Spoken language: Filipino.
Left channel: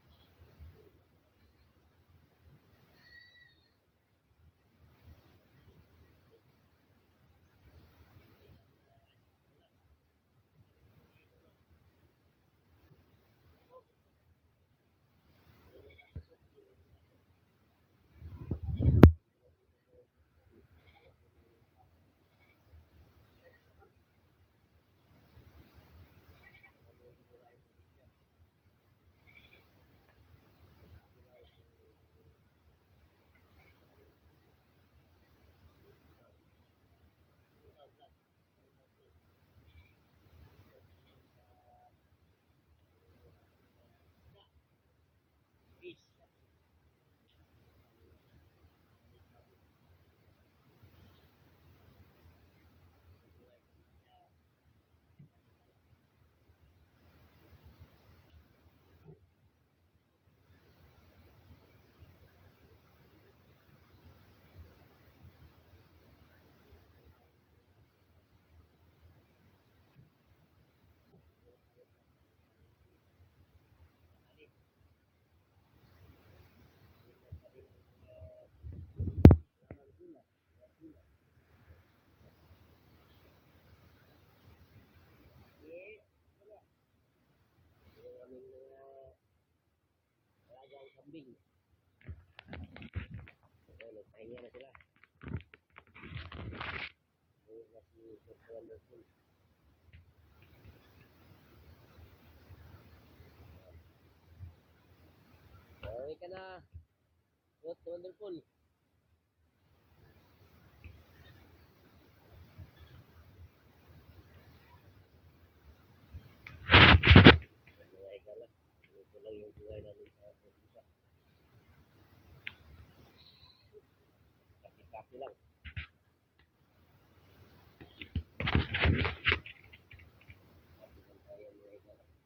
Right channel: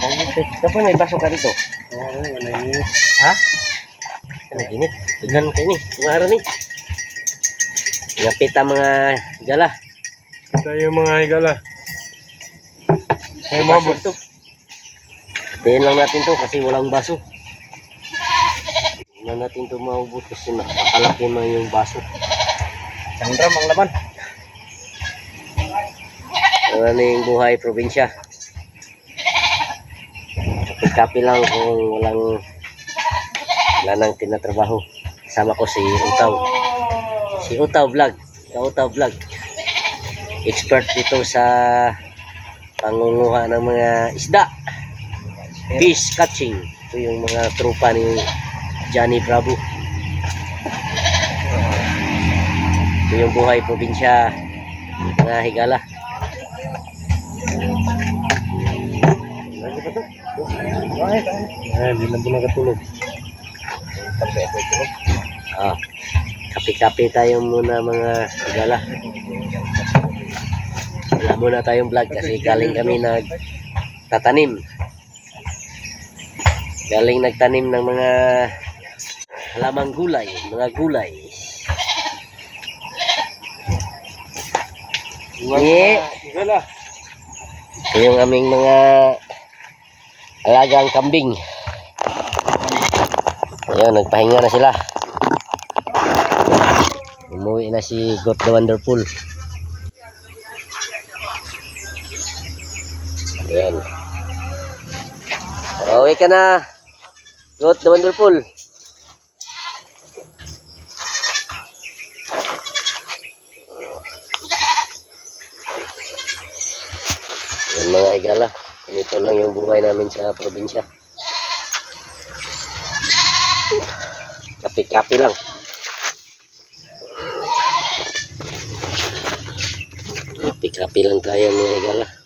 Dapat may baso ka dito. Oo, manay Ha? Ano ginit? Tignan ko ni. Kumara ni. Ngapit ang mga gala. Ito yung mga higala. Ay, mabot. Tayin lang natin to kasi walang baso. Hindi natin to maubos kasi nakalaki man yung baso. Isang drum ang laman. Ano yung buhay probinsya. Kapi lang kung walang wala nang tinatrabaho. Kasama ko si Utaw. Si Utaw Vlog. Ka Utaw Vlog. Expert dito sa pangunguha ng mga isda. Fish catching. Ito yung mga trupa ni Johnny Bravo. Ito yung buhay probinsya mga higala. Ay, hindi na po nakatulog. Ah, kape-kape tayo muna mga higala. Wala muna tayong vlog kasi galing kami nag tatanim. Galing nagtanim ng mga halamang gulay, mga gulay. Yeah. Ito yung aming mga alagang kambing. Ayun, nagpahinga na sila. Umuwi na si Got the Wonderful. Ayan. Pauwi ka na. Got the Wonderful. Yan mga igala. Ganito lang yung buhay namin sa probinsya. Kapi-kapi lang. Kapi-kapi lang tayo mga igala.